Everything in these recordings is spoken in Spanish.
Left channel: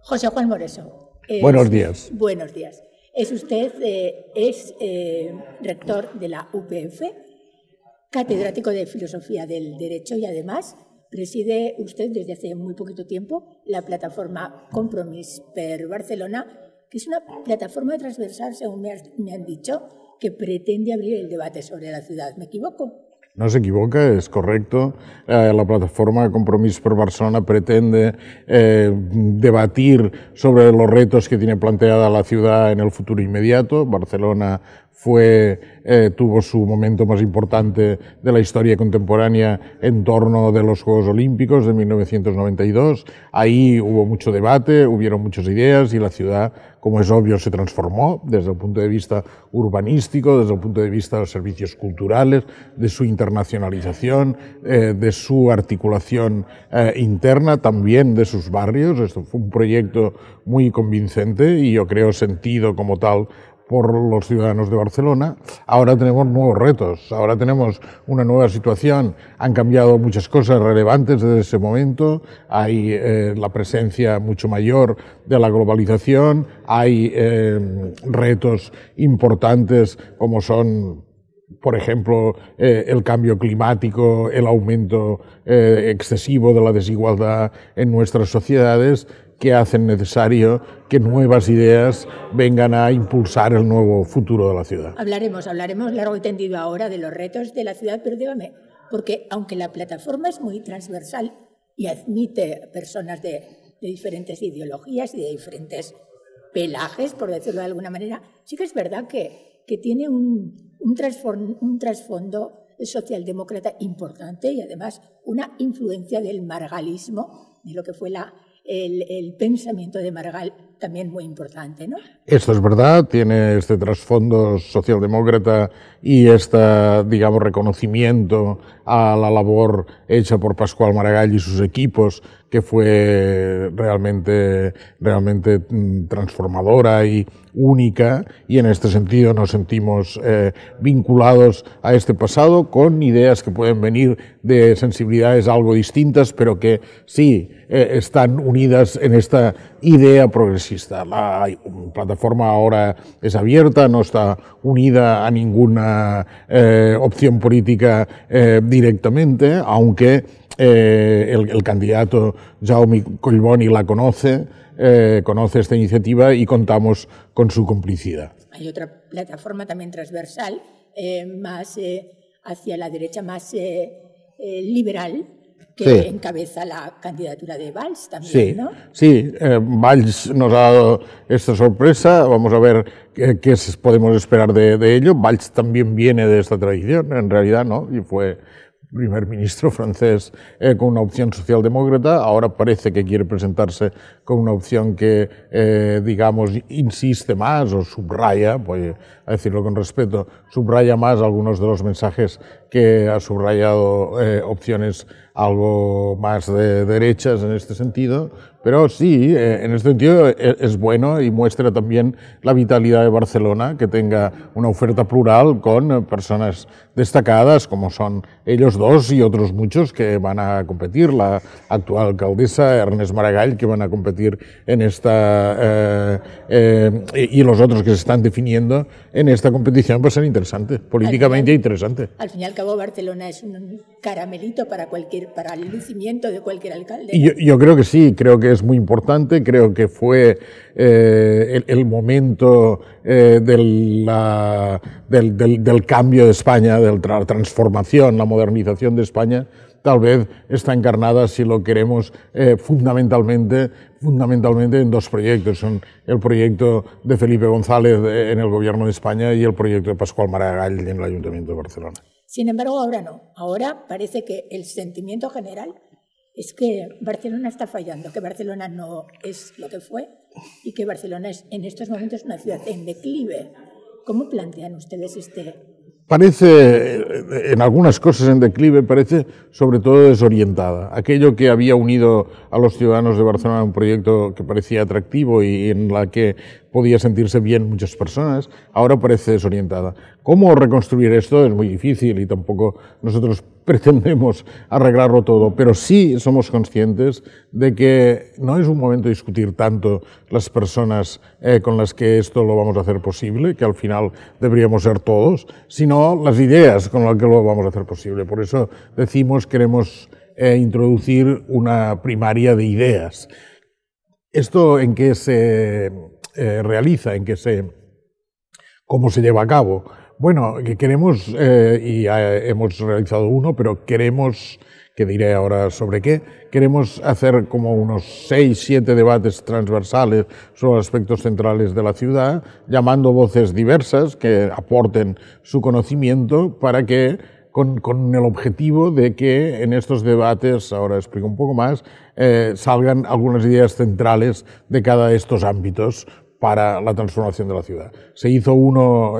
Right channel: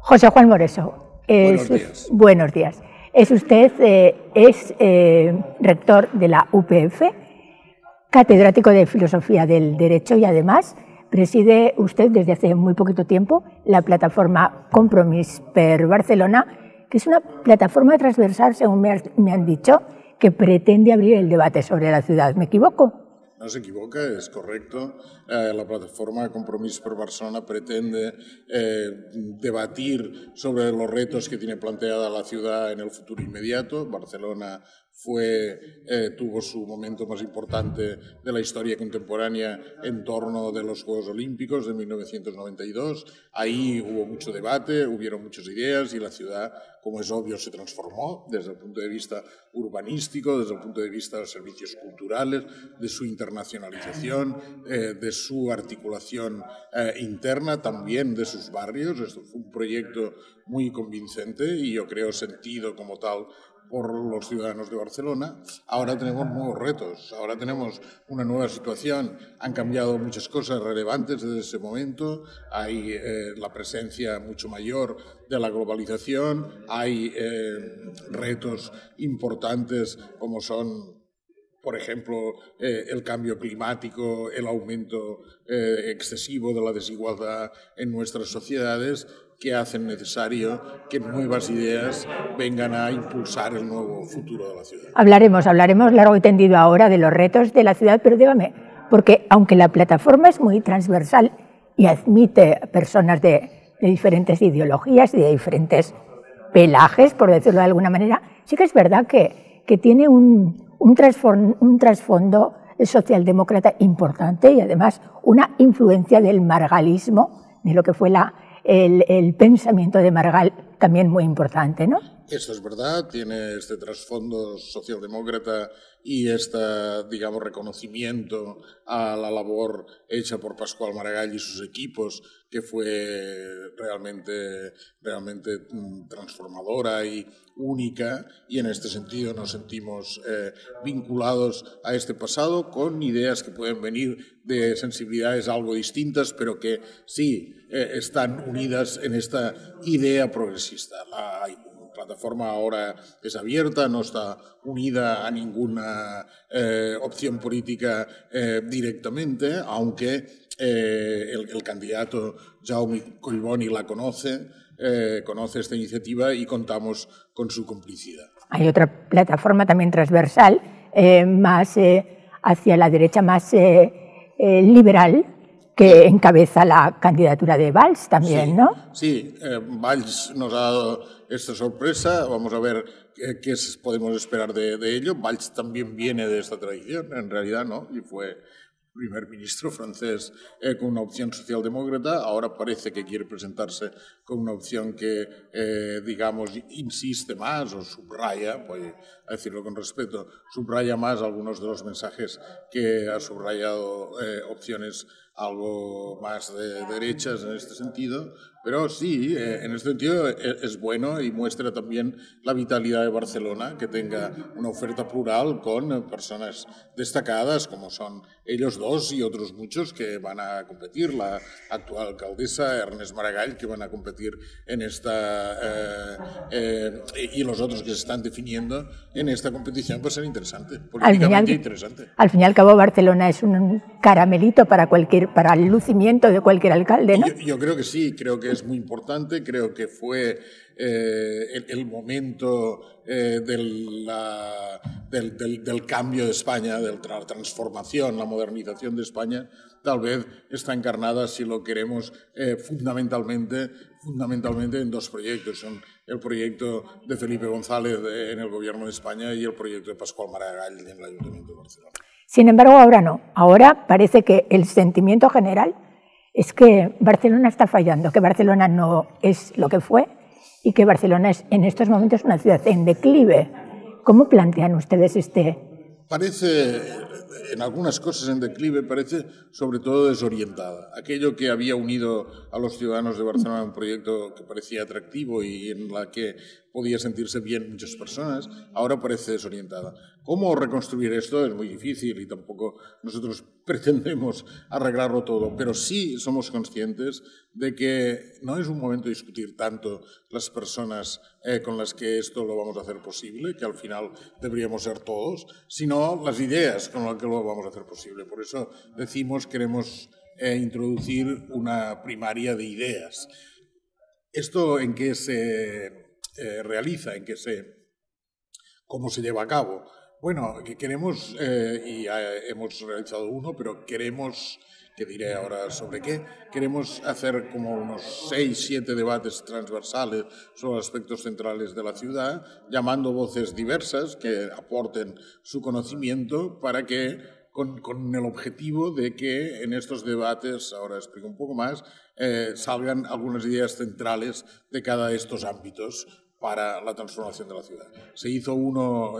José Juan Moreso. Buenos días. Buenos días. Es usted rector de la UPF, catedrático de Filosofía del Derecho y además preside usted desde hace muy poquito tiempo la plataforma Compromís per Barcelona, que es una plataforma transversal, según me han dicho, que pretende abrir el debate sobre la ciudad. ¿Me equivoco? No se equivoca, es correcto. La plataforma Compromís per Barcelona pretende debatir sobre los retos que tiene planteada la ciudad en el futuro inmediato. Barcelona tuvo su momento más importante de la historia contemporánea en torno de los Juegos Olímpicos de 1992. Ahí hubo mucho debate, hubieron muchas ideas y la ciudad, como es obvio, se transformó desde el punto de vista urbanístico, desde el punto de vista de los servicios culturales, de su internacionalización, de su articulación interna, también de sus barrios. Esto fue un proyecto muy convincente y yo creo sentido como tal por los ciudadanos de Barcelona. Ahora tenemos nuevos retos, ahora tenemos una nueva situación, han cambiado muchas cosas relevantes desde ese momento, hay la presencia mucho mayor de la globalización, hay retos importantes como son, por ejemplo, el cambio climático, el aumento excesivo de la desigualdad en nuestras sociedades, que hacen necesario que nuevas ideas vengan a impulsar el nuevo futuro de la ciudad. Hablaremos largo y tendido ahora de los retos de la ciudad, pero dígame, porque aunque la plataforma es muy transversal y admite personas de diferentes ideologías y de diferentes pelajes, por decirlo de alguna manera, sí que es verdad que tiene un trasfondo socialdemócrata importante y además una influencia del margalismo, de lo que fue el pensamiento de Margal, también muy importante, ¿no? Esto es verdad, tiene este trasfondo socialdemócrata y digamos, reconocimiento a la labor hecha por Pasqual Maragall y sus equipos, que fue realmente transformadora y única, y en este sentido nos sentimos vinculados a este pasado con ideas que pueden venir de sensibilidades algo distintas, pero que sí están unidas en esta idea progresista. La plataforma ahora es abierta, no está unida a ninguna opción política directamente, aunque el candidato Jaume Collboni la conoce esta iniciativa y contamos con su complicidad. Hay otra plataforma también transversal, más hacia la derecha, más liberal, que encabeza la candidatura de Valls también, sí, ¿no? Sí, Valls nos ha dado esta sorpresa, vamos a ver qué podemos esperar de ello. Valls también viene de esta tradición, en realidad, ¿no? Y fue primer ministro francés con una opción socialdemócrata, ahora parece que quiere presentarse con una opción que, digamos, insiste más o subraya, voy a decirlo con respeto, subraya más algunos de los mensajes que ha subrayado opciones algo más de derechas en este sentido, pero sí, en este sentido es bueno y muestra también la vitalidad de Barcelona, que tenga una oferta plural con personas destacadas como son ellos dos y otros muchos que van a competir, la actual alcaldesa Ernest Maragall, que van a competir en esta y los otros que se están definiendo en esta competición, va a ser interesante, políticamente interesante. Al fin y al cabo, Barcelona es un caramelito para el lucimiento de cualquier alcalde, ¿no? Yo creo que sí, creo que es muy importante, creo que fue el momento del cambio de España, de la transformación, la modernización de España, tal vez está encarnada, si lo queremos, fundamentalmente en dos proyectos. Son el proyecto de Felipe González en el Gobierno de España y el proyecto de Pasqual Maragall en el Ayuntamiento de Barcelona. Sin embargo, ahora no. Ahora parece que el sentimiento general es que Barcelona está fallando, que Barcelona no es lo que fue y que Barcelona es en estos momentos una ciudad en declive. ¿Cómo plantean ustedes Parece, en algunas cosas en declive, parece sobre todo desorientada. Aquello que había unido a los ciudadanos de Barcelona en un proyecto que parecía atractivo y en la que podía sentirse bien muchas personas, ahora parece desorientada. ¿Cómo reconstruir esto? Es muy difícil y tampoco nosotros pretendemos arreglarlo todo, pero sí somos conscientes de que no es un momento de discutir tanto las personas con las que esto lo vamos a hacer posible, que al final deberíamos ser todos, sino las ideas con las que lo vamos a hacer posible. Por eso decimos queremos introducir una primaria de ideas. ¿Esto en qué se realiza? ¿Cómo se lleva a cabo? Bueno, que queremos, y hemos realizado uno, pero queremos, que diré ahora sobre qué, queremos hacer como unos 6, 7 debates transversales sobre aspectos centrales de la ciudad, llamando voces diversas que aporten su conocimiento para que, con el objetivo de que en estos debates, ahora explico un poco más, salgan algunas ideas centrales de cada de estos ámbitos para la transformación de la ciudad. Se hizo uno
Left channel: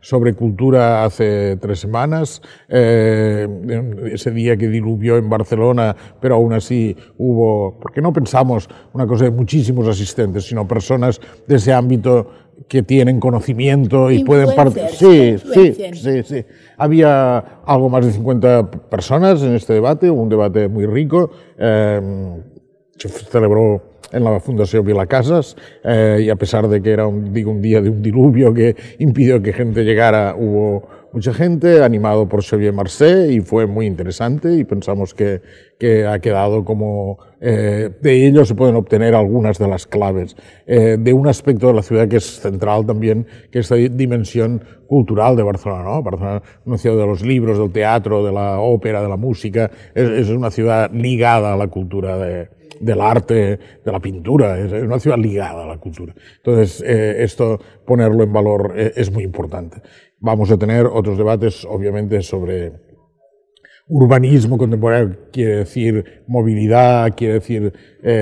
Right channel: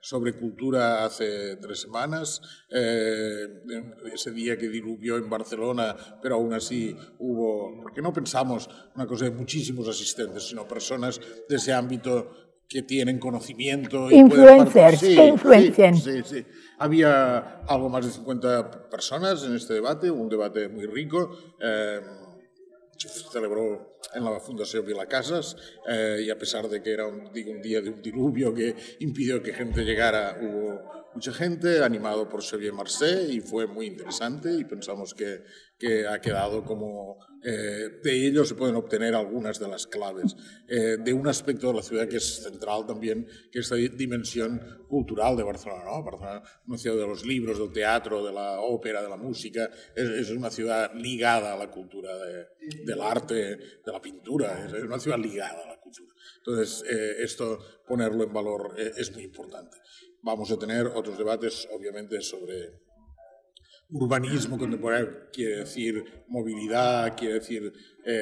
sobre cultura hace 3 semanas, ese día que diluvió en Barcelona, pero aún así hubo, porque no pensamos una cosa de muchísimos asistentes, sino personas de ese ámbito que tienen conocimiento y pueden participar. Sí. Había algo más de 50 personas en este debate, un debate muy rico. Se celebró en la Fundación Vilacasas y a pesar de que era un día de un diluvio que impidió que gente llegara, hubo mucha gente, animado por Xavier Marcet, y fue muy interesante y pensamos que ha quedado como de ello se pueden obtener algunas de las claves de un aspecto de la ciudad que es central también, que es esta dimensión cultural de Barcelona, ¿no? Barcelona es una ciudad de los libros, del teatro, de la ópera, de la música, es una ciudad ligada a la cultura del arte, de la pintura, es una ciudad ligada a la cultura. Entonces, esto, ponerlo en valor es muy importante. Vamos a tener otros debates, obviamente, sobre urbanismo contemporáneo, quiere decir movilidad, quiere decir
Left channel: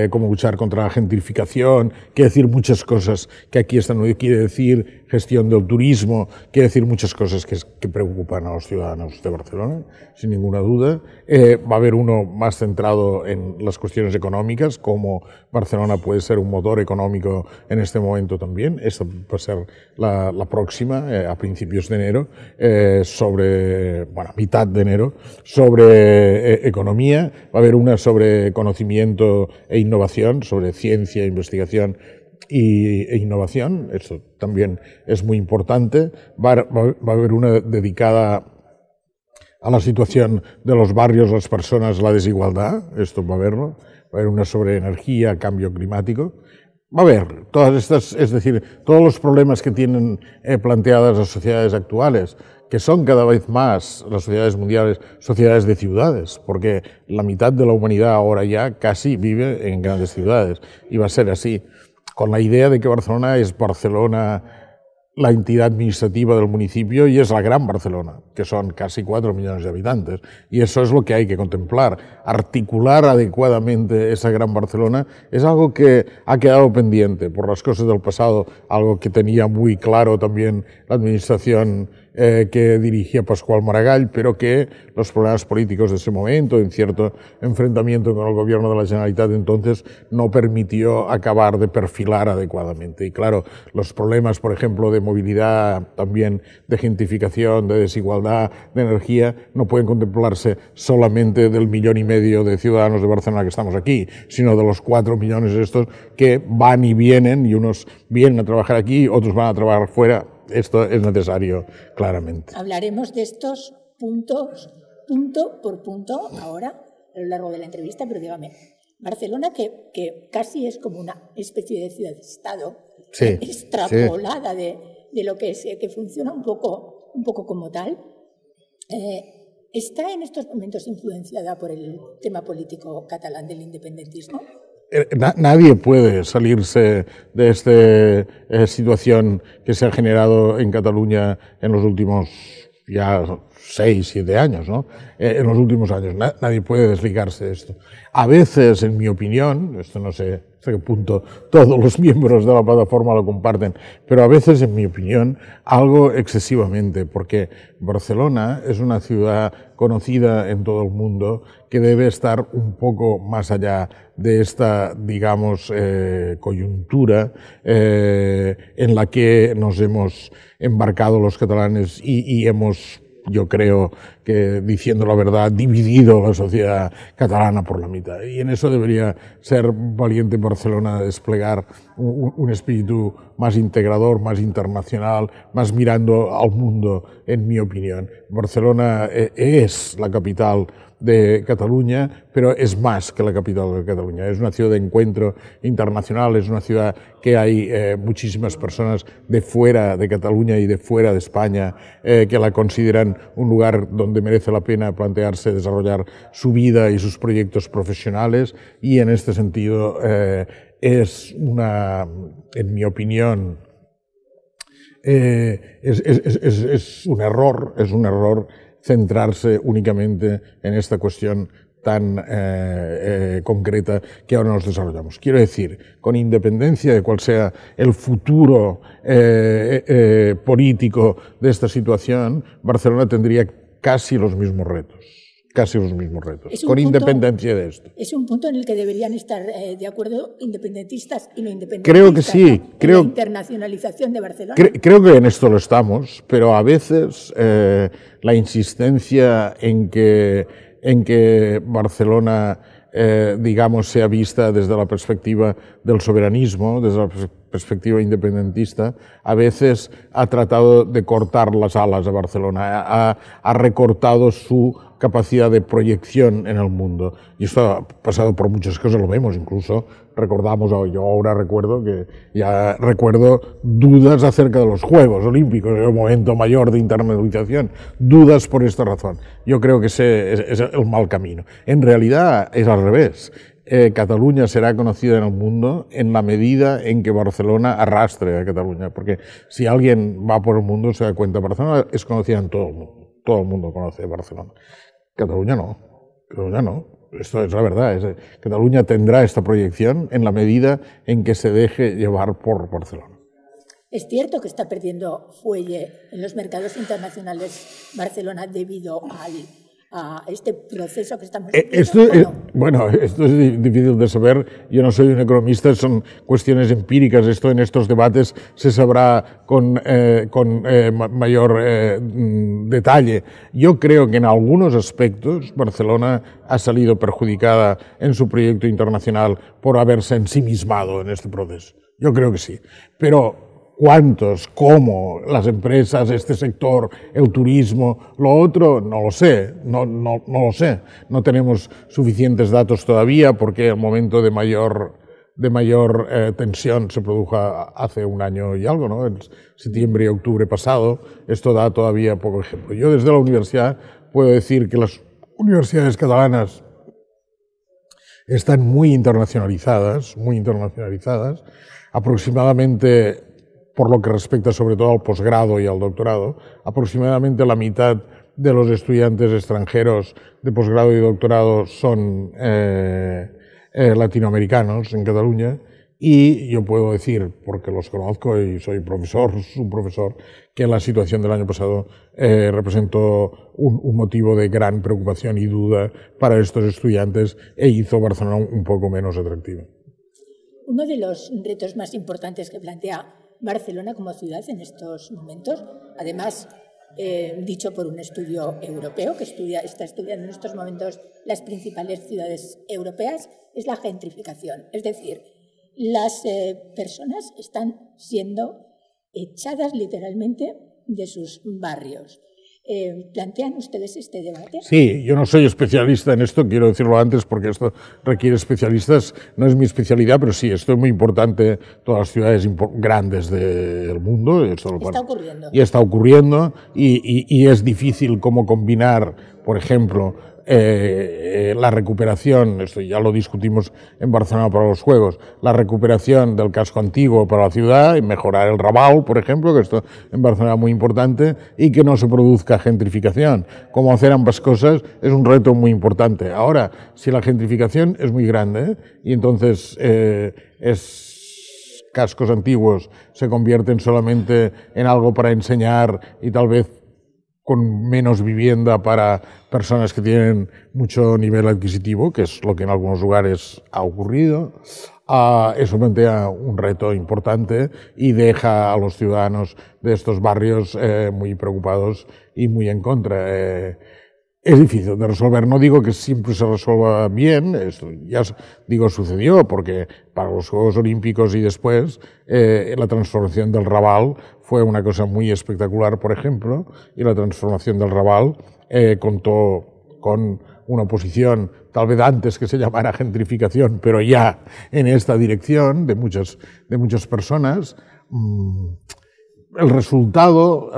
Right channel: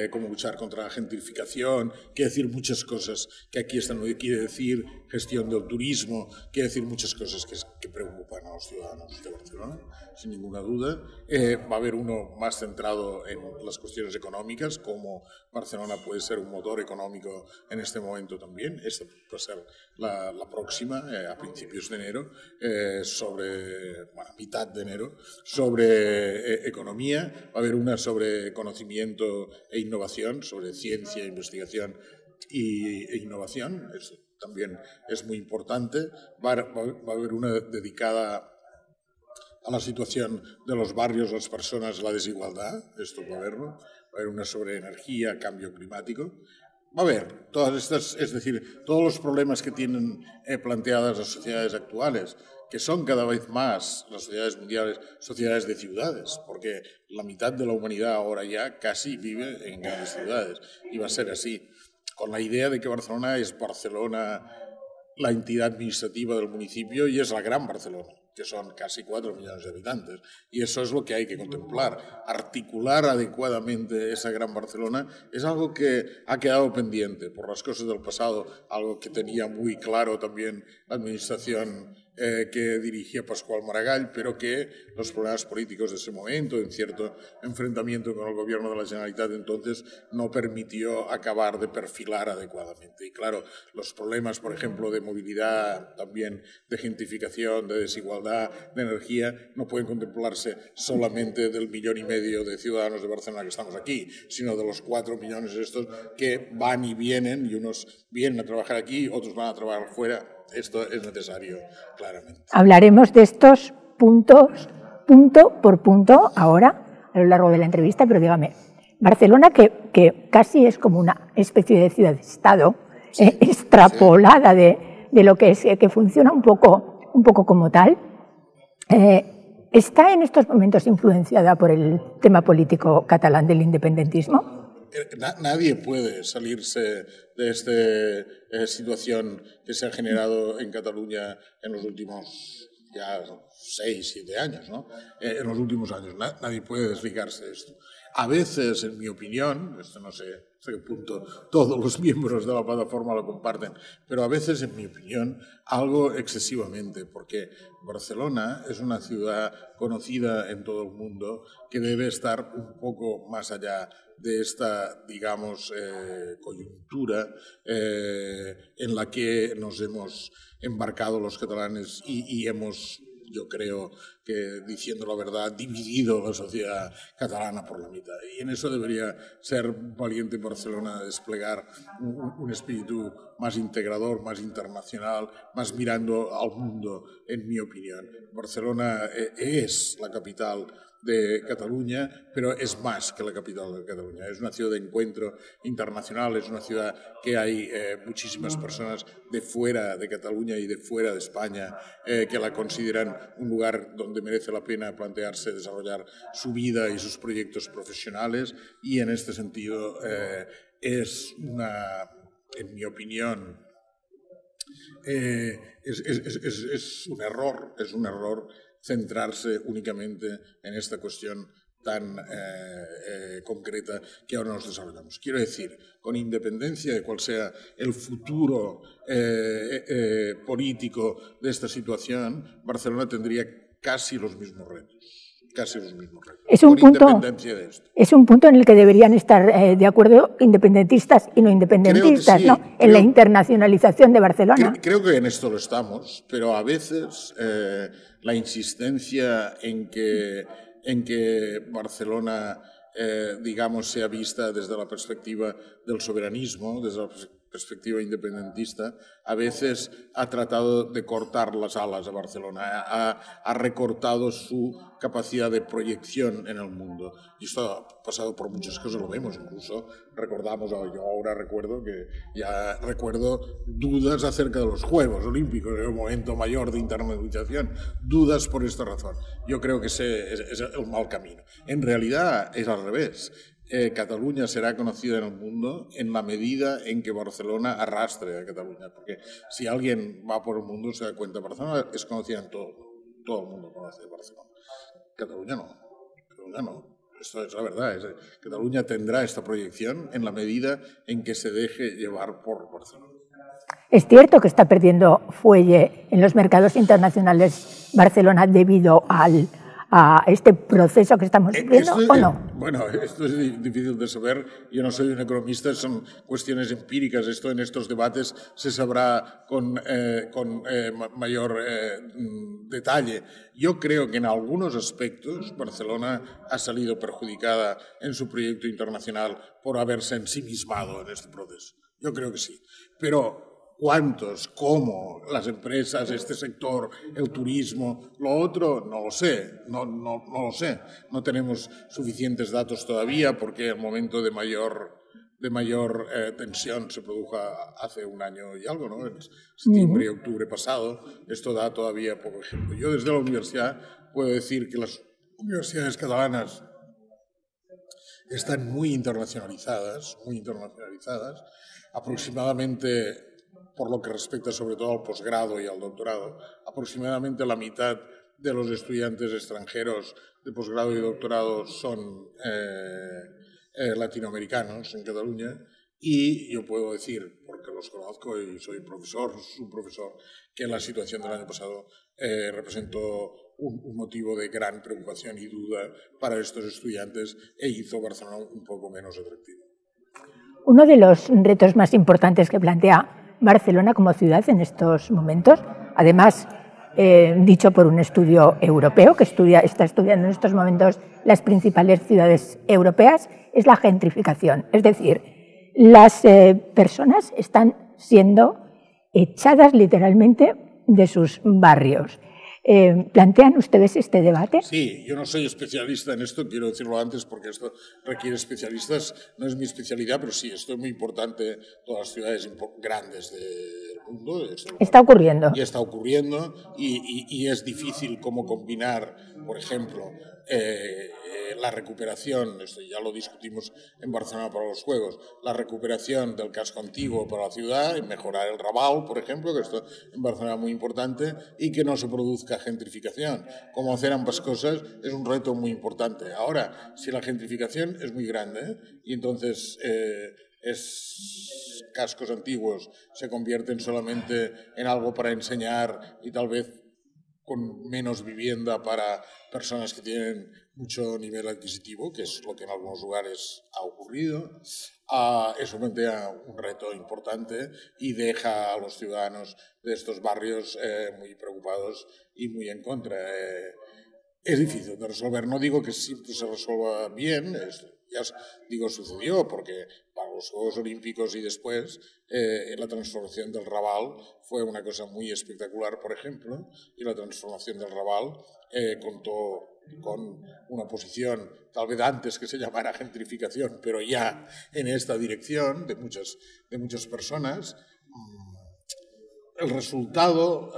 cómo luchar contra la gentrificación, quiere decir muchas cosas que aquí están, quiere decir gestión del turismo, quiere decir muchas cosas que preocupan a los ciudadanos de Barcelona, sin ninguna duda. Va a haber uno más centrado en las cuestiones económicas, cómo Barcelona puede ser un motor económico en este momento también. Esta va a ser la próxima, a principios de enero, mitad de enero, sobre economía. Va a haber una sobre conocimiento e innovación, sobre ciencia, investigación e innovación. Esto también es muy importante. Va a haber una dedicada a la situación de los barrios, las personas, la desigualdad. Esto va a haberlo. Va a haber una sobre energía, cambio climático. Va a haber todas estas, es decir, todos los problemas que tienen planteadas las sociedades actuales, que son cada vez más las sociedades mundiales, sociedades de ciudades, porque la mitad de la humanidad ahora ya casi vive en grandes ciudades, y va a ser así, con la idea de que Barcelona es la entidad administrativa del municipio y es la Gran Barcelona, que son casi 4 millones de habitantes. Y eso es lo que hay que contemplar. Articular adecuadamente esa Gran Barcelona es algo que ha quedado pendiente por las cosas del pasado, algo que tenía muy claro también la administración que dirigía Pasqual Maragall, pero que los problemas políticos de ese momento, en cierto enfrentamiento con el gobierno de la Generalitat entonces, no permitió acabar de perfilar adecuadamente. Y claro, los problemas, por ejemplo, de movilidad, también de gentrificación, de desigualdad, de energía, no pueden contemplarse solamente del 1,5 millones de ciudadanos de Barcelona que estamos aquí, sino de los 4 millones estos que van y vienen, y unos vienen a trabajar aquí, otros van a trabajar fuera. Esto es necesario, claramente. Hablaremos de estos puntos, punto por punto, ahora, a lo largo de la entrevista, pero dígame, Barcelona, que casi es como una especie de ciudad-estado, sí, extrapolada sí, de lo que es, que funciona un poco como tal, ¿está en estos momentos influenciada por el tema político catalán del independentismo? Nadie puede salirse de esta situación que se ha generado en Cataluña en los últimos ya 6, 7 años, ¿no? En los últimos años. Nadie puede desligarse de esto. A veces, en mi opinión, esto no sé hasta qué punto todos los miembros de la plataforma lo comparten, pero a veces, en mi opinión, algo excesivamente, porque Barcelona es una ciudad conocida en todo el mundo que debe estar un poco más allá de esta, digamos, coyuntura en la que nos hemos embarcado los catalanes y hemos, yo creo que, diciendo la verdad, dividido la sociedad catalana por la mitad. Y en eso debería ser valiente Barcelona, desplegar un espíritu más integrador, más internacional, más mirando al mundo, en mi opinión. Barcelona es la capital de Cataluña, pero es más que la capital de Cataluña. Es una ciudad de encuentro internacional, es una ciudad que hay muchísimas personas de fuera de Cataluña y de fuera de España que la consideran un lugar donde merece la pena plantearse desarrollar su vida y sus proyectos profesionales, y en este sentido es una, en mi opinión, es un error centrarse únicamente en esta cuestión tan concreta que ahora nos desarrollamos. Quiero decir, con independencia de cuál sea el futuro político de esta situación, Barcelona tendría casi los mismos retos. Con independencia de esto. Es un punto en el que deberían estar de acuerdo independentistas y no independentistas, creo que sí, ¿no? En la internacionalización de Barcelona. Creo que en esto lo estamos, pero a veces la insistencia en que Barcelona, digamos, sea vista desde la perspectiva del soberanismo, desde la perspectiva independentista, a veces ha tratado de cortar las alas a Barcelona, ha recortado su capacidad de proyección en el mundo. Y esto ha pasado por muchas cosas, lo vemos, incluso recordamos, yo ahora recuerdo dudas acerca de los Juegos Olímpicos, el momento mayor de internacionalización, dudas por esta razón. Yo creo que ese es el mal camino. En realidad es al revés. Cataluña será conocida en el mundo en la medida en que Barcelona arrastre a Cataluña, porque si alguien va por el mundo se da cuenta, Barcelona es conocida en todo el mundo. Todo el mundo conoce Barcelona. Cataluña no. Esto es la verdad. Cataluña tendrá esta proyección en la medida en que se deje llevar por Barcelona. ¿Es cierto que está perdiendo fuelle en los mercados internacionales Barcelona debido a este proceso que estamos viviendo? Bueno, esto es difícil de saber. Yo no soy un economista, son cuestiones empíricas. Esto en estos debates se sabrá con mayor detalle. Yo creo que en algunos aspectos Barcelona ha salido perjudicada en su proyecto internacional por haberse ensimismado en este proceso. Yo creo que sí. Pero ¿cuántos? ¿Cómo? Las empresas, este sector, el turismo, lo otro, no lo sé, no lo sé. No tenemos suficientes datos todavía porque el momento de mayor tensión se produjo hace un año y algo, ¿no? En septiembre y octubre pasado. Esto da todavía poco ejemplo. Yo desde la universidad puedo decir que las universidades catalanas están muy internacionalizadas, aproximadamente, por lo que respecta sobre todo al posgrado y al doctorado, aproximadamente la mitad de los estudiantes extranjeros de posgrado y doctorado son latinoamericanos en Cataluña, y yo puedo decir, porque los conozco y soy un profesor, que la situación del año pasado representó un motivo de gran preocupación y duda para estos estudiantes e hizo Barcelona un poco menos atractivo. Uno de los retos más importantes que plantea Barcelona como ciudad en estos momentos, además dicho por un estudio europeo que está estudiando en estos momentos las principales ciudades europeas, es la gentrificación. Es decir, las personas están siendo echadas literalmente de sus barrios. ¿Plantean ustedes este debate? Sí, yo no soy especialista en esto, quiero decirlo antes porque esto requiere especialistas, no es mi especialidad, pero sí, esto es muy importante, todas las ciudades grandes del mundo. Está ocurriendo. Y está ocurriendo y es difícil cómo combinar, por ejemplo, la recuperación, esto ya lo discutimos en Barcelona para los Juegos, la recuperación del casco antiguo para la ciudad y mejorar el Raval, por ejemplo, que esto en Barcelona es muy importante, y que no se produzca gentrificación. Cómo hacer ambas cosas es un reto muy importante. Ahora, si la gentrificación es muy grande y entonces cascos antiguos se convierten solamente en algo para enseñar y tal vez con menos vivienda para personas que tienen mucho nivel adquisitivo, que es lo que en algunos lugares ha ocurrido, eso plantea un reto importante y deja a los ciudadanos de estos barrios muy preocupados y muy en contra. Es difícil de resolver, no digo que siempre se resuelva bien, esto ya digo sucedió, porque para los Juegos Olímpicos y después la transformación del Raval fue una cosa muy espectacular, por ejemplo, y la transformación del Raval contó con una oposición, tal vez antes que se llamara gentrificación, pero ya en esta dirección de muchas personas. El resultado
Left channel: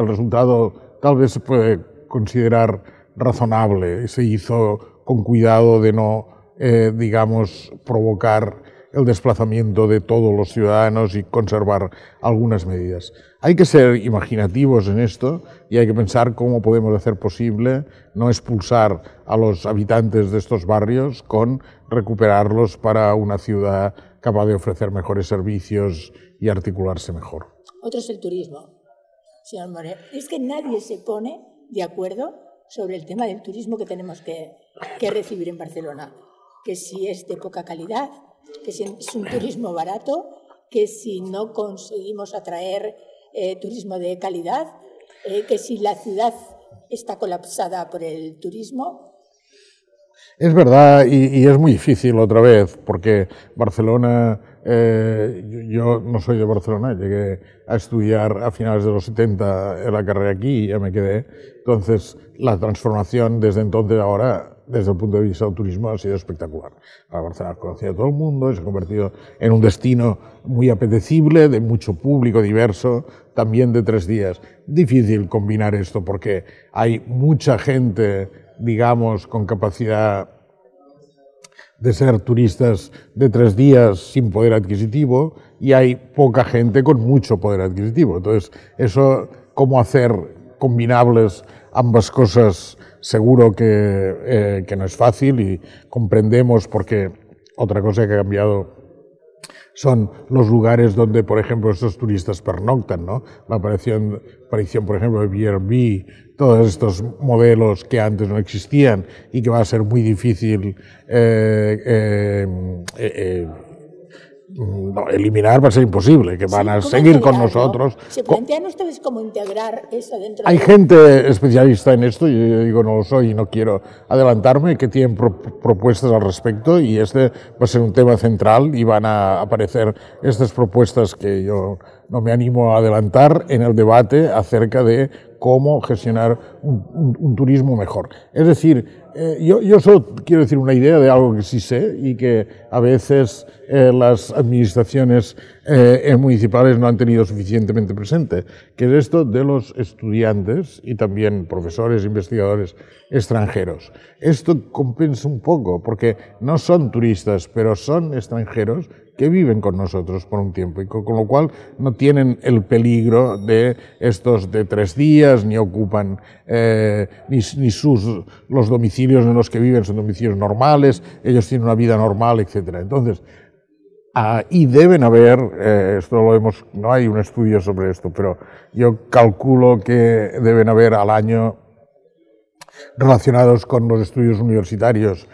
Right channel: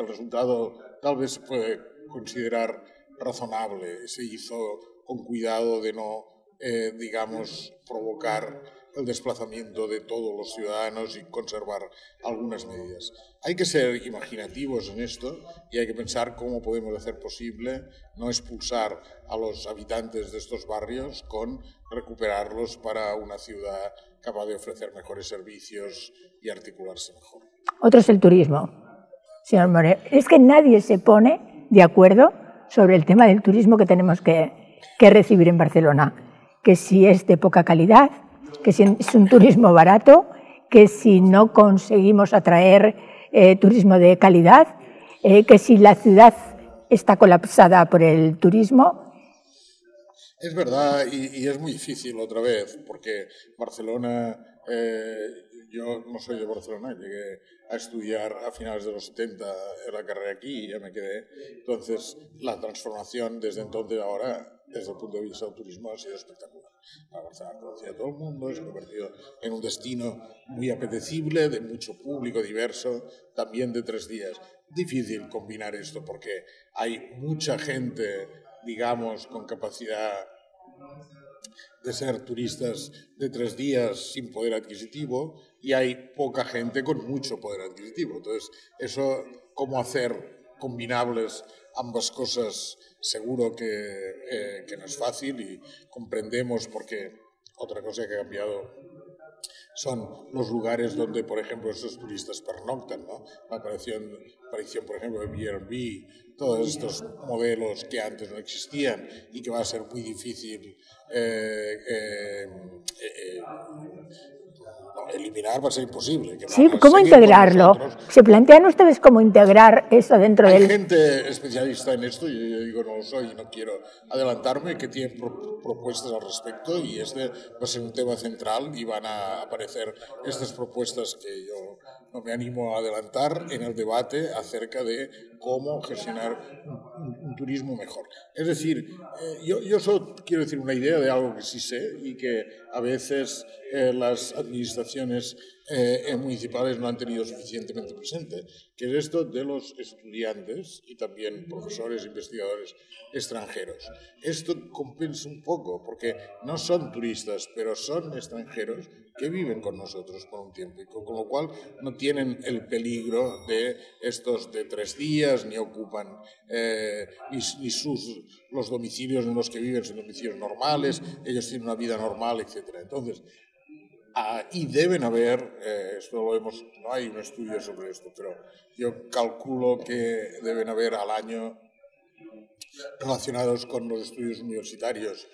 tal vez se puede considerar razonable, se hizo con cuidado de no, digamos, provocar el desplazamiento de todos los ciudadanos y conservar algunas medidas. Hay que ser imaginativos en esto y hay que pensar cómo podemos hacer posible no expulsar a los habitantes de estos barrios con recuperarlos para una ciudad capaz de ofrecer mejores servicios y articularse mejor. Otro es el turismo, señor Moreno. Es que nadie se pone de acuerdo sobre el tema del turismo que tenemos que recibir en Barcelona, que si es de poca calidad, que si es un turismo barato, que si no conseguimos atraer turismo de calidad, que si la ciudad está colapsada por el turismo. Es verdad, y es muy difícil otra vez, porque Barcelona, yo no soy de Barcelona, llegué a estudiar a finales de los 70 en la carrera aquí y ya me quedé. Entonces, la transformación desde entonces a ahora, desde el punto de vista del turismo, ha sido espectacular. Barcelona ha conocido a todo el mundo, se ha convertido en un destino muy apetecible, de mucho público diverso, también de 3 días. Difícil combinar esto porque hay mucha gente, digamos, con capacidad de ser turistas de 3 días sin poder adquisitivo y hay poca gente con mucho poder adquisitivo. Entonces, eso, cómo hacer combinables ambas cosas, seguro que no es fácil y comprendemos porque otra cosa que ha cambiado son los lugares donde, por ejemplo, estos turistas pernoctan, ¿no? La aparición, por ejemplo, de Airbnb, todos estos modelos que antes no existían y que va a ser muy difícil eliminar, va a ser imposible, que van a seguir con nosotros. ¿Se plantean ustedes cómo integrar eso dentro Hay gente especialista en esto, yo digo no lo soy y no quiero adelantarme, que tienen propuestas al respecto y este va a ser un tema central y van a aparecer estas propuestas que yo no me animo a adelantar en el debate acerca de cómo gestionar un turismo mejor. Es decir, yo solo quiero decir una idea de algo que sí sé y que a veces las administraciones municipales no han tenido suficientemente presente, que es esto de los estudiantes y también profesores, investigadores extranjeros. Esto compensa un poco porque no son turistas, pero son extranjeros que viven con nosotros por un tiempo y con lo cual no tienen el peligro de estos de 3 días, ni ocupan los domicilios en los que viven son domicilios normales, ellos tienen una vida normal, etc. Entonces, y deben haber, no hay un estudio sobre esto, pero yo calculo que deben haber al año relacionados con los estudios universitarios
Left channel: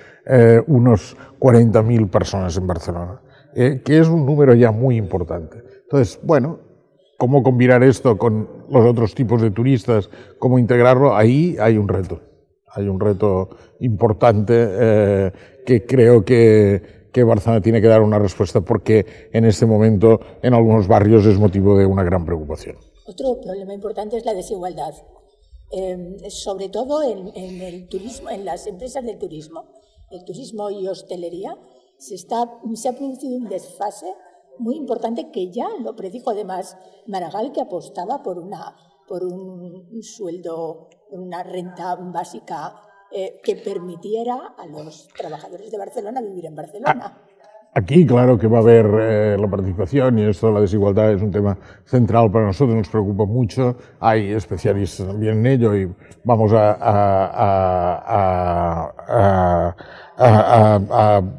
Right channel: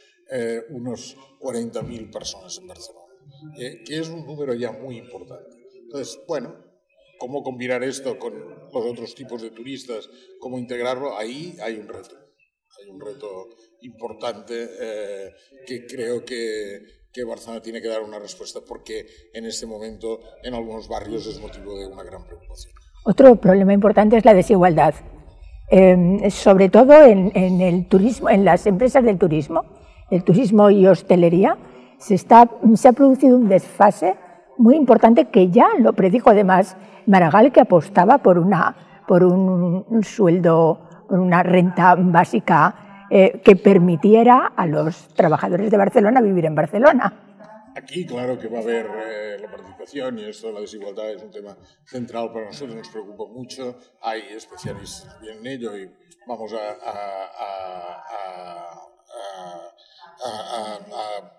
unos 40.000 personas en Barcelona. Que es un número ya muy importante. Entonces, bueno, ¿cómo combinar esto con los otros tipos de turistas? ¿Cómo integrarlo? Ahí hay un reto. Hay un reto importante que creo que Barcelona tiene que dar una respuesta porque en este momento en algunos barrios es motivo de una gran preocupación. Otro problema importante es la desigualdad, sobre todo en el turismo, en las empresas del turismo, el turismo y hostelería. Se ha producido un desfase muy importante que ya lo predijo además Maragall, que apostaba por un sueldo, por una renta básica que permitiera a los trabajadores de Barcelona vivir en Barcelona. Aquí, claro que va a haber la participación y esto, la desigualdad es un tema central para nosotros, nos preocupa mucho, hay especialistas también en ello y vamos a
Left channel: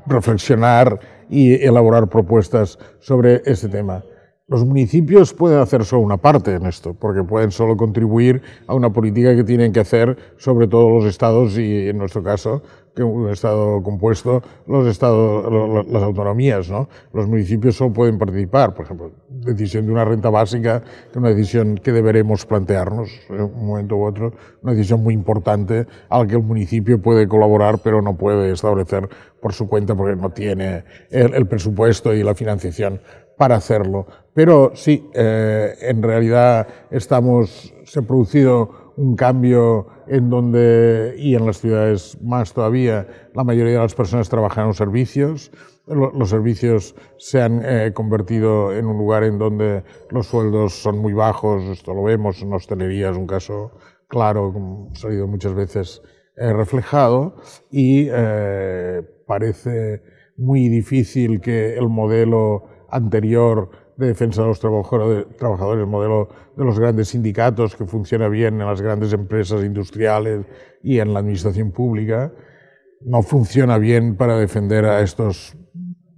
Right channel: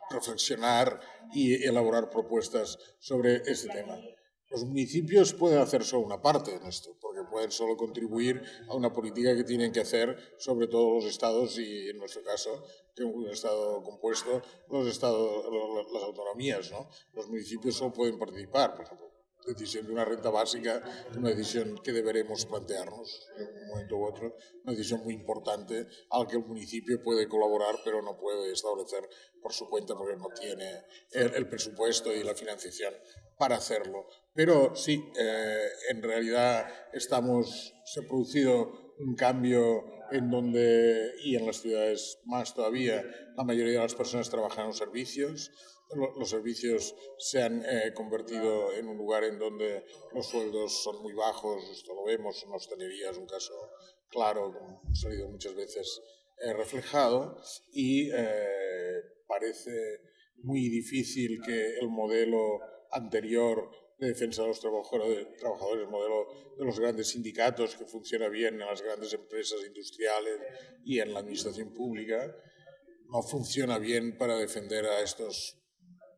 reflexionar y elaborar propuestas sobre este tema. Los municipios pueden hacer solo una parte en esto, porque pueden solo contribuir a una política que tienen que hacer sobre todo los estados y, en nuestro caso, que un estado compuesto, las autonomías, ¿no? Los municipios solo pueden participar, por ejemplo, decisión de una renta básica, que es una decisión que deberemos plantearnos en un momento u otro, una decisión muy importante al que el municipio puede colaborar, pero no puede establecer por su cuenta porque no tiene el presupuesto y la financiación para hacerlo. Pero sí, en realidad se ha producido un cambio en donde, y en las ciudades más todavía, la mayoría de las personas trabajan en los servicios. Los servicios se han convertido en un lugar en donde los sueldos son muy bajos, esto lo vemos en hostelería, es un caso claro, como ha salido muchas veces reflejado, y parece muy difícil que el modelo anterior de defensa de los trabajadores, el modelo de los grandes sindicatos que funciona bien en las grandes empresas industriales y en la administración pública, no funciona bien para defender a estos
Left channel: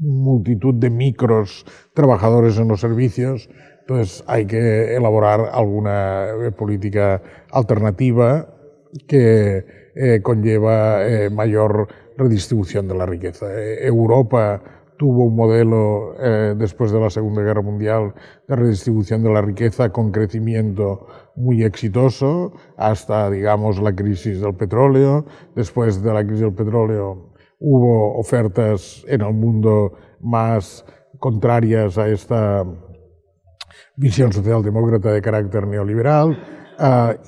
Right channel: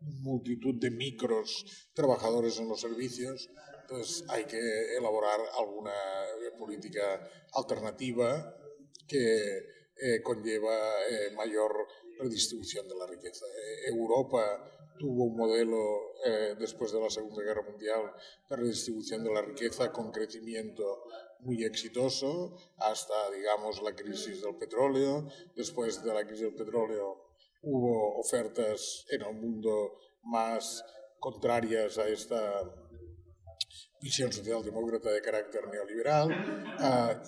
multitud de micros trabajadores en los servicios. Entonces hay que elaborar alguna política alternativa que conlleva mayor redistribución de la riqueza. Europa tuvo un modelo después de la Segunda Guerra Mundial de redistribución de la riqueza con crecimiento muy exitoso hasta, digamos, la crisis del petróleo. Después de la crisis del petróleo hubo ofertas en el mundo más contrarias a esta visión socialdemócrata de carácter neoliberal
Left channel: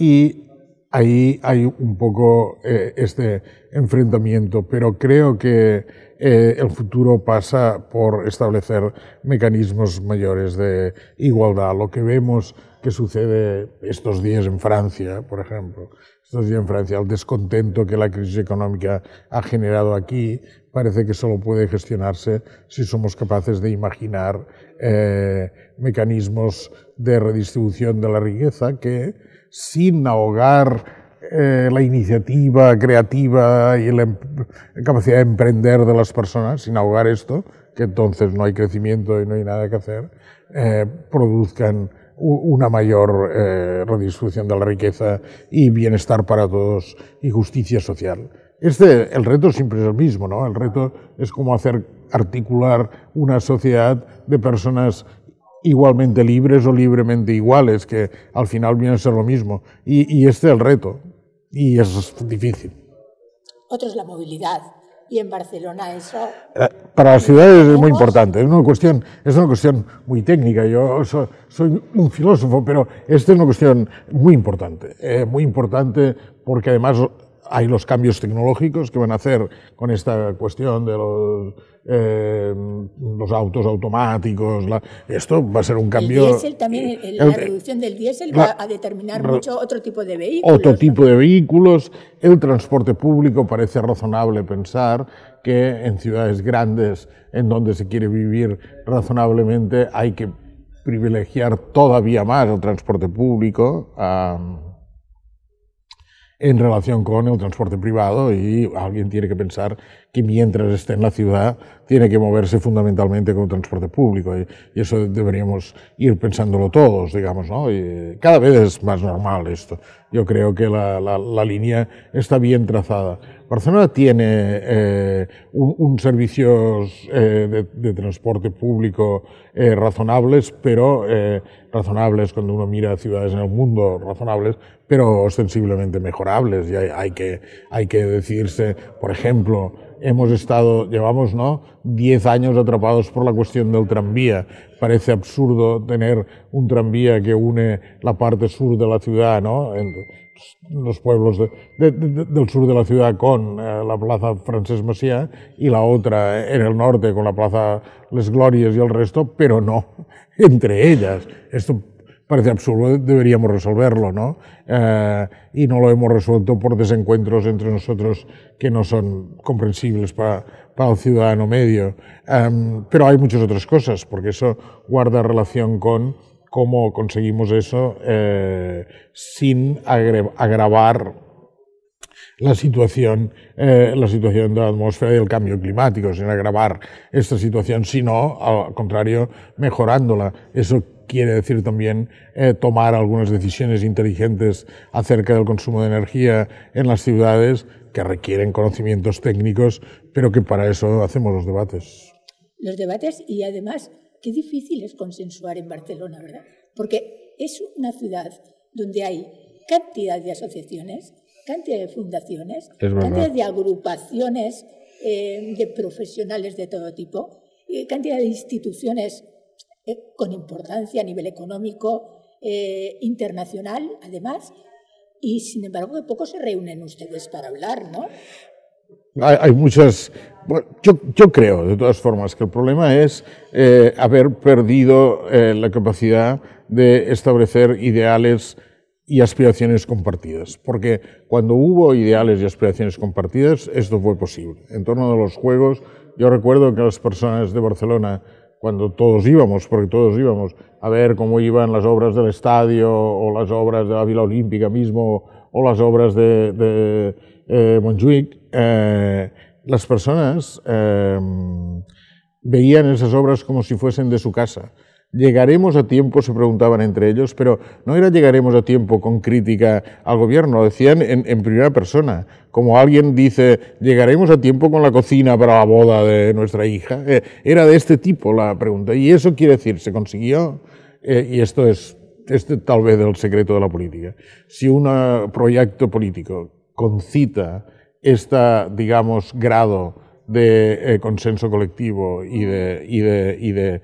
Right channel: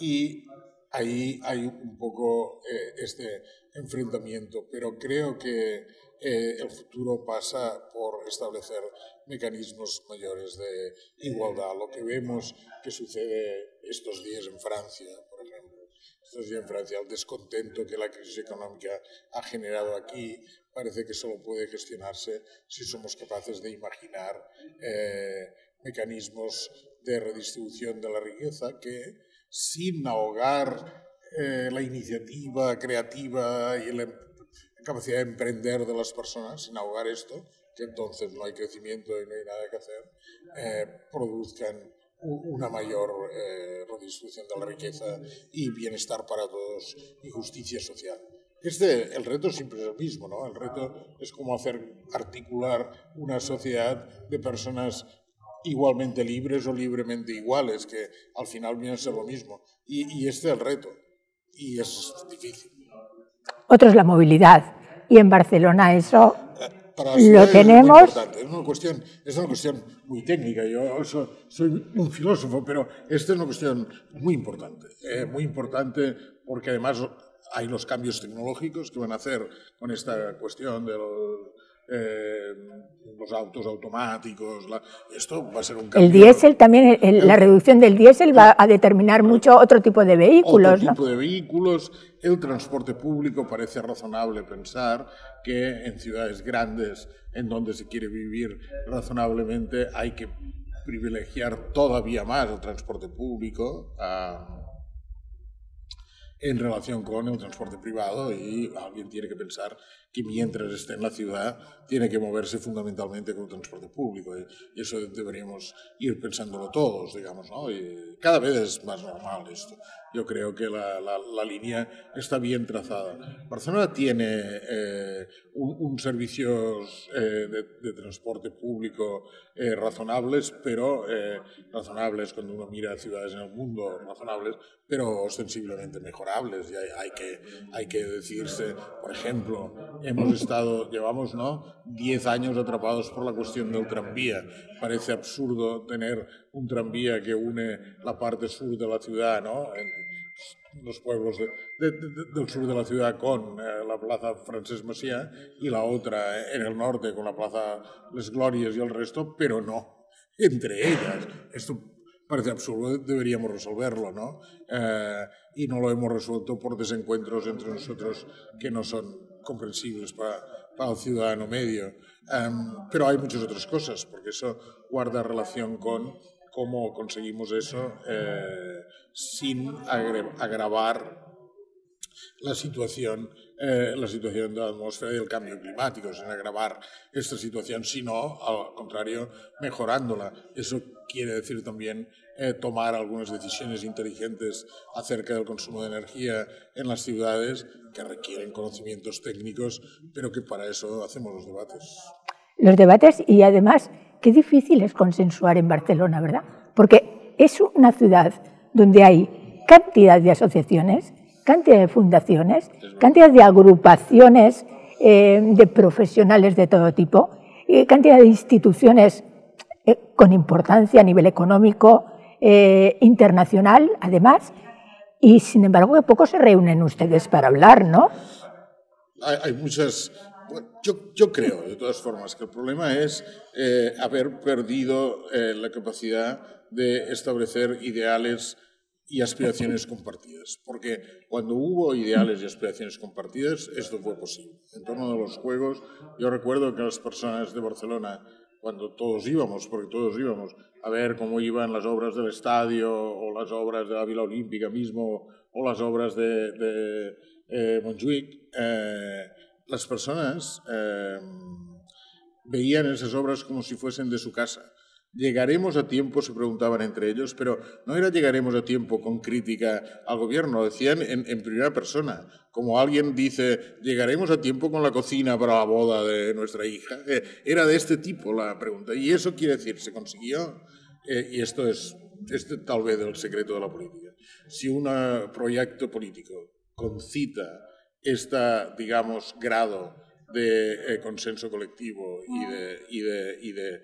y ahí hay un poco este enfrentamiento, pero creo que el futuro pasa por establecer mecanismos mayores de igualdad. Lo que vemos que sucede estos días en Francia, por ejemplo, el descontento que la crisis económica ha generado aquí, parece que solo puede gestionarse si somos capaces de imaginar mecanismos de redistribución de la riqueza que, sin ahogar la iniciativa creativa y la capacidad de emprender de las personas, sin ahogar esto, que entonces no hay crecimiento y no hay nada que hacer, produzcan una mayor redistribución de la riqueza y bienestar para todos y justicia social. El reto siempre es el mismo, ¿no? El reto es cómo hacer articular una sociedad de personas igualmente libres o libremente iguales, que al final viene a ser lo mismo. Y este es el reto, y eso es difícil. Otro es la movilidad, y en Barcelona eso... Para las ciudades es muy importante, es una cuestión muy técnica. Yo soy un filósofo, pero esta es una cuestión muy importante porque además hay los cambios tecnológicos que van a hacer con esta cuestión de los autos automáticos. Esto va a ser un cambio. El diésel también, la reducción del diésel va a determinar mucho otro tipo de vehículos. Otro tipo de vehículos. El transporte público, parece razonable pensar que en ciudades grandes en donde se quiere vivir razonablemente hay que privilegiar todavía más el transporte público en relación con el transporte privado, y alguien tiene que pensar que mientras esté en la ciudad tiene que moverse fundamentalmente con el transporte público, y eso deberíamos ir pensándolo todos, digamos, ¿no? Y cada vez es más normal esto. Yo creo que la línea está bien trazada. Barcelona tiene un servicios de transporte público razonables, pero razonables cuando uno mira ciudades en el mundo, razonables, pero ostensiblemente mejorables, y hay que decidirse. Por ejemplo, llevamos 10 años atrapados por la cuestión del tranvía. Parece absurdo tener un tranvía que une la parte sur de la ciudad, ¿no? En los pueblos del sur de la ciudad con la plaza Francesc Macià, y la otra en el norte con la plaza Les Glòries y el resto, pero no entre ellas. Esto parece absurdo, deberíamos resolverlo, ¿no? Y no lo hemos resuelto por desencuentros entre nosotros que no son comprensibles para el ciudadano medio. Pero hay muchas otras cosas, porque eso guarda relación con cómo conseguimos eso sin agravar la situación de la atmósfera y el cambio climático, sin agravar esta situación, sino, al contrario, mejorándola. Eso quiere decir también tomar algunas decisiones inteligentes acerca del consumo de energía en las ciudades que requieren conocimientos técnicos, pero que para eso hacemos los debates. Los debates, y además, qué difícil es consensuar en Barcelona, ¿verdad? Porque es una ciudad donde hay cantidad de asociaciones, cantidad de fundaciones, cantidad de agrupaciones de profesionales de todo tipo, cantidad de instituciones con importancia a nivel económico, internacional, además, y sin embargo que poco se reúnen ustedes para hablar, ¿no? Hay muchas... Bueno, yo creo, de todas formas, que el problema es haber perdido la capacidad de establecer ideales y aspiraciones compartidas, porque cuando hubo ideales y aspiraciones compartidas, esto fue posible. En torno a los Juegos, yo recuerdo que las personas de Barcelona, cuando todos íbamos, porque todos íbamos a ver cómo iban las obras del estadio, o las obras de la Vila Olímpica mismo, o las obras de Montjuïc, las personas veían esas obras como si fuesen de su casa. ¿Llegaremos a tiempo?, se preguntaban entre ellos, pero no era llegaremos a tiempo con crítica al gobierno, lo decían en primera persona, como alguien dice, llegaremos a tiempo con la cocina para la boda de nuestra hija. Era de este tipo la pregunta, y eso quiere decir, se consiguió, y esto es tal vez el secreto de la política. Si un proyecto político concita digamos, grado de consenso colectivo y de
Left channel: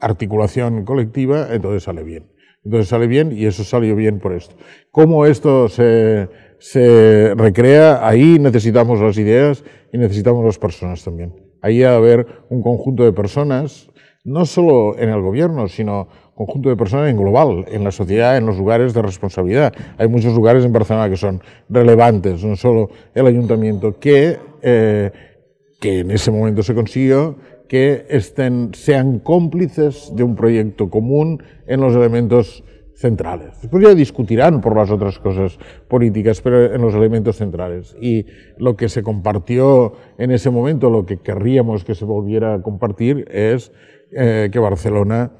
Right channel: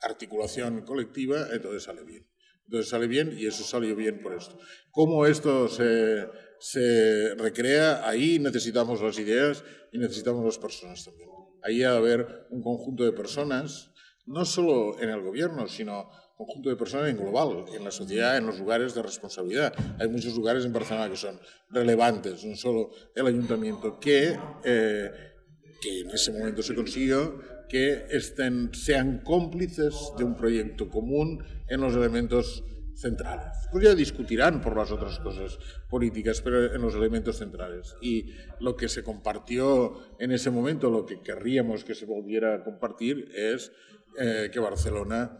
articulación colectiva, entonces sale bien. Entonces sale bien, y eso salió bien por esto. ¿Cómo esto se recrea? Ahí necesitamos las ideas y necesitamos las personas también. Ahí ha de haber un conjunto de personas, no solo en el gobierno, sino un conjunto de personas en global, en la sociedad, en los lugares de responsabilidad. Hay muchos lugares en Barcelona que son relevantes, no solo el ayuntamiento, que en ese momento se consiguió que sean cómplices de un proyecto común en los elementos centrales. Después ya discutirán por las otras cosas políticas, pero en los elementos centrales. Y lo que se compartió en ese momento, lo que querríamos que se volviera a compartir, es que Barcelona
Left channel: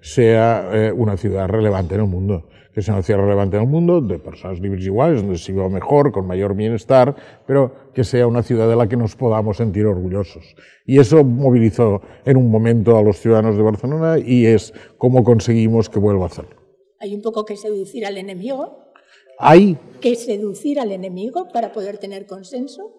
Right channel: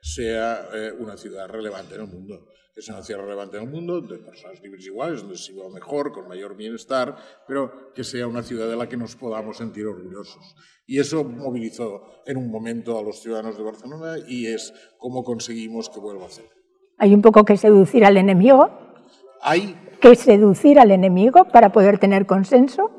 sea una ciudad relevante en el mundo. Que sea una ciudad relevante en el mundo, de personas libres y iguales, donde se viva mejor, con mayor bienestar, pero que sea una ciudad de la que nos podamos sentir orgullosos. Y eso movilizó en un momento a los ciudadanos de Barcelona, y es cómo conseguimos que vuelva a hacerlo. Hay un poco que seducir al enemigo. Hay que seducir al enemigo para poder tener consenso.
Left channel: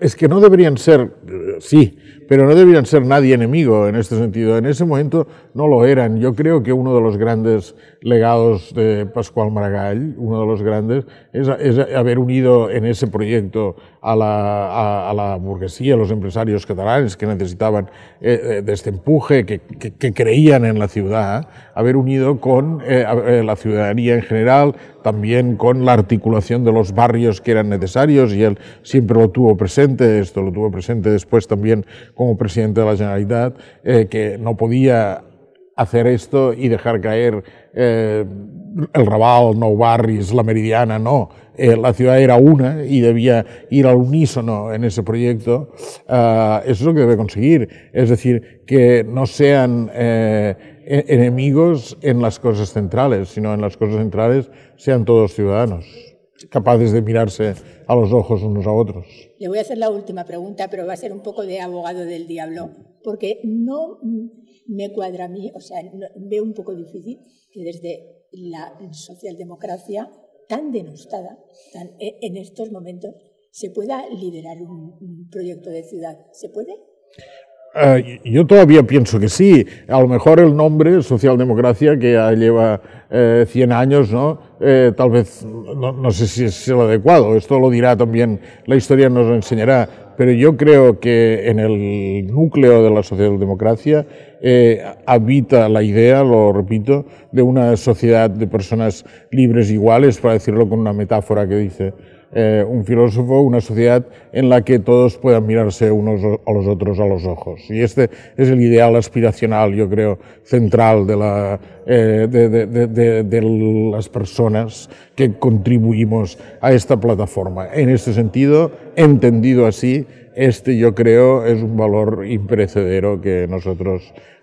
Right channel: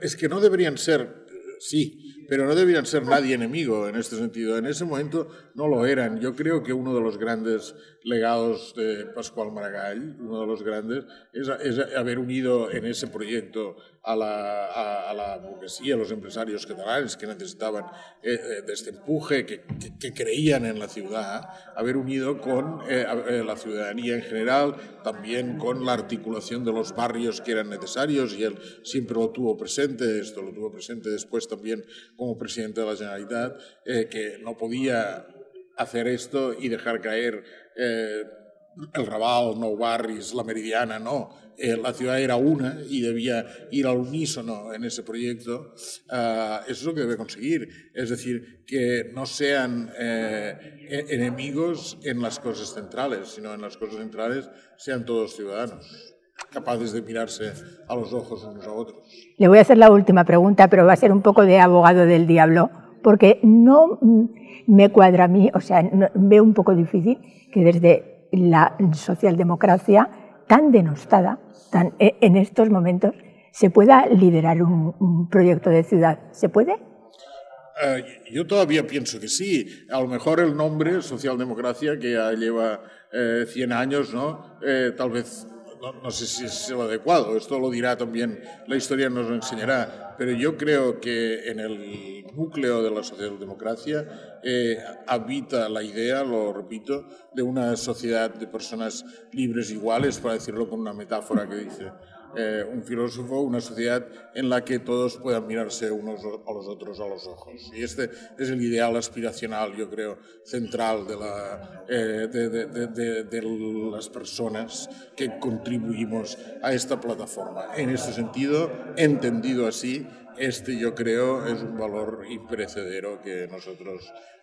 Es que no deberían ser, sí, pero no deberían ser nadie enemigo en este sentido. En ese momento no lo eran. Yo creo que uno de los grandes legados de Pasqual Maragall, uno de los grandes, es haber unido en ese proyecto a la burguesía, a los empresarios catalanes que necesitaban de este empuje, que creían en la ciudad, haber unido con la ciudadanía en general, también con la articulación de los barrios que eran necesarios, y él siempre lo tuvo presente, esto lo tuvo presente después también como presidente de la Generalitat, que no podía hacer esto y dejar caer el Raval, Nou Barris, la Meridiana, no. La ciudad era una y debía ir al unísono en ese proyecto. Eso es lo que debe conseguir, es decir, que no sean enemigos en las cosas centrales, sino en las cosas centrales sean todos ciudadanos, capaces de mirarse a los ojos unos a otros. Le voy a hacer la última pregunta, pero va a ser un poco de abogado del diablo, porque no me cuadra a mí, o sea, veo un poco difícil que desde la socialdemocracia tan denostada, en estos momentos, se pueda liderar un proyecto de ciudad. ¿Se puede? Yo todavía pienso que sí. A lo mejor el nombre, socialdemocracia, que ya lleva 100 años, ¿no? Tal vez, no sé si es el adecuado. Esto lo dirá también, la historia nos lo enseñará. pero yo creo que en el núcleo de la socialdemocracia habita la idea, lo repito, de una sociedad de personas libres e iguales, para decirlo con una metáfora que dice un filósofo, una sociedad en la que todos puedan mirarse unos a los otros a los ojos. Y este es el ideal aspiracional, yo creo, central de las personas que contribuimos a esta plataforma. En este sentido, entendido así, yo creo, es un valor imperecedero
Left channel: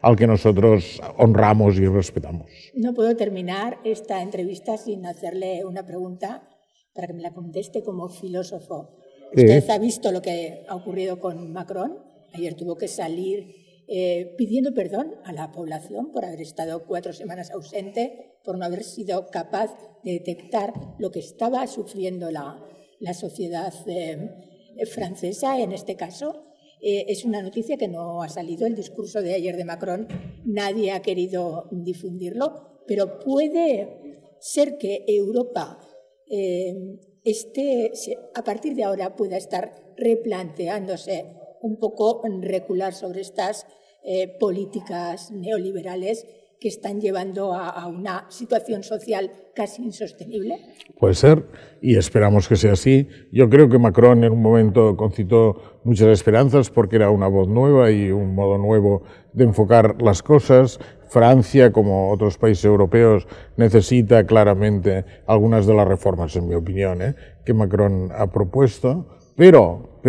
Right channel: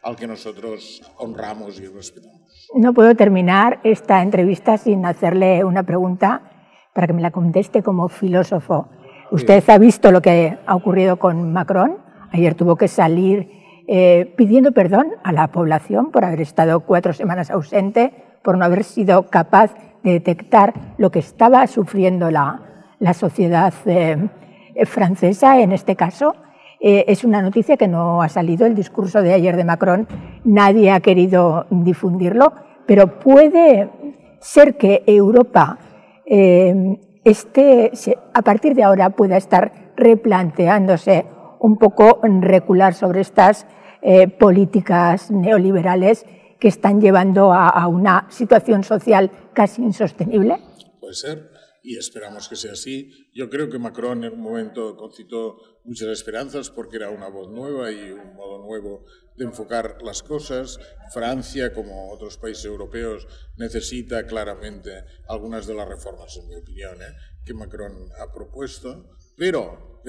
al que nosotros honramos y respetamos. No puedo terminar esta entrevista sin hacerle una pregunta para que me la conteste como filósofo. Usted ha visto lo que ha ocurrido con Macron. Ayer tuvo que salir pidiendo perdón a la población por haber estado 4 semanas ausente, por no haber sido capaz de detectar lo que estaba sufriendo la sociedad francesa en este caso. Es una noticia que no ha salido, el discurso de ayer de Macron, nadie ha querido difundirlo, pero puede ser que Europa a partir de ahora pueda estar replanteándose un poco recular sobre estas políticas neoliberales que están llevando a una situación social casi insostenible. Puede ser, y esperamos que sea así. Yo creo que Macron en un momento concitó muchas esperanzas porque era una voz nueva y un modo nuevo de enfocar las cosas. Francia, como otros países europeos, necesita claramente algunas de las reformas, en mi opinión, que Macron ha propuesto, pero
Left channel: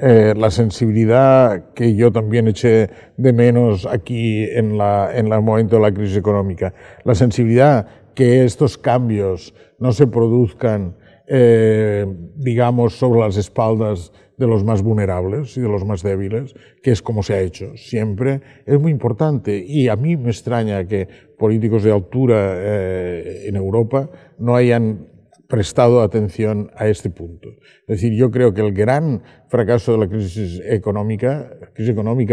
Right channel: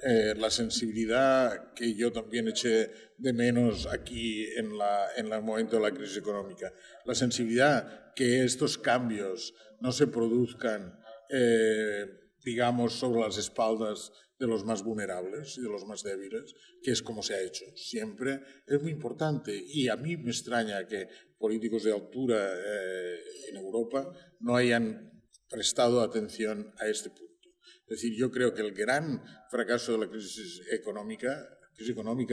la sensibilidad que yo también eché de menos aquí en el momento de la crisis económica, la sensibilidad que estos cambios no se produzcan, digamos, sobre las espaldas de los más vulnerables y de los más débiles, que es como se ha hecho siempre, es muy importante. Y a mí me extraña que políticos de altura en Europa no hayan prestado atención a este punto. Es decir, yo creo que el gran fracaso de la crisis económica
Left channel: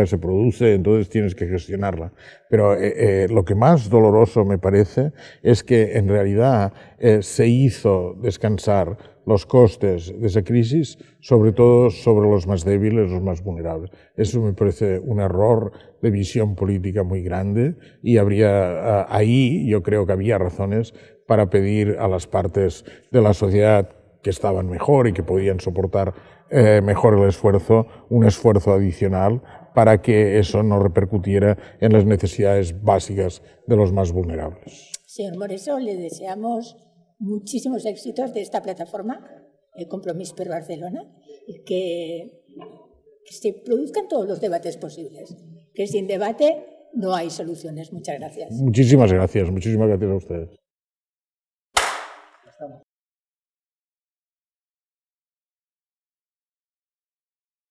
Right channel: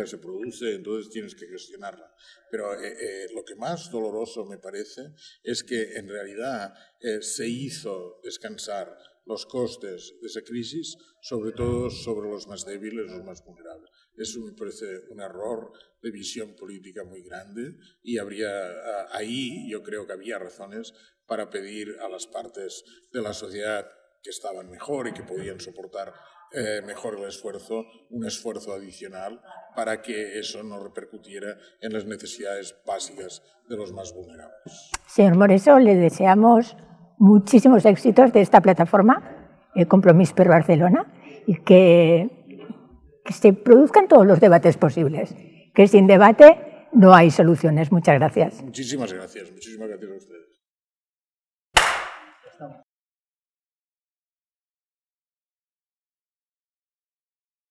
se produce, entonces tienes que gestionarla. Pero lo que más doloroso me parece es que en realidad se hizo descansar los costes de esa crisis, sobre todo sobre los más débiles, los más vulnerables. Eso me parece un error de visión política muy grande y ahí yo creo que había razones para pedir a las partes de la sociedad que estaban mejor y que podían soportar mejor el esfuerzo, un esfuerzo adicional para que eso no repercutiera en las necesidades básicas de los más vulnerables. Señor Moreso, le deseamos muchísimos éxitos de esta plataforma, Compromís per Barcelona, y que se produzcan todos los debates posibles, que sin debate no hay soluciones. Muchas gracias. Muchísimas gracias a ustedes.